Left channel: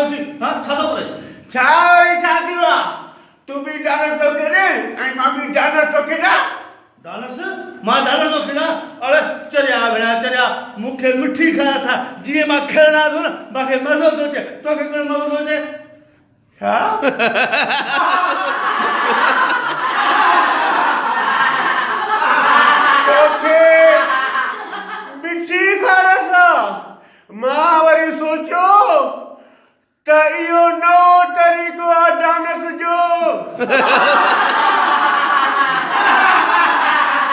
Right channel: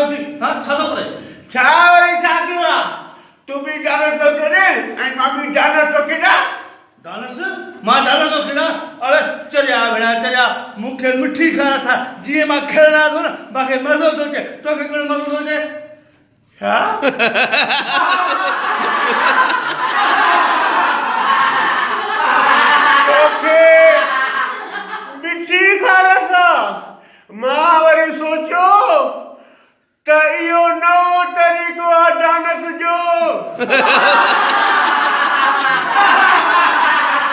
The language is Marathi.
होती हा छातो करे छावरी छातीवा तू भी डालर तो केने आई मामी डालर तो केना डालस मां डालर तो केना अरे चरिया भेड़ा चरिया मुखे मिठी खा था जीए मा खेलना तो ना बाके मजो सोचे तो के कोन मजो सोचे हा ओके मिठी खारसा मावरी सोचो त इहो नओं तरीक़ो आहे डांस जो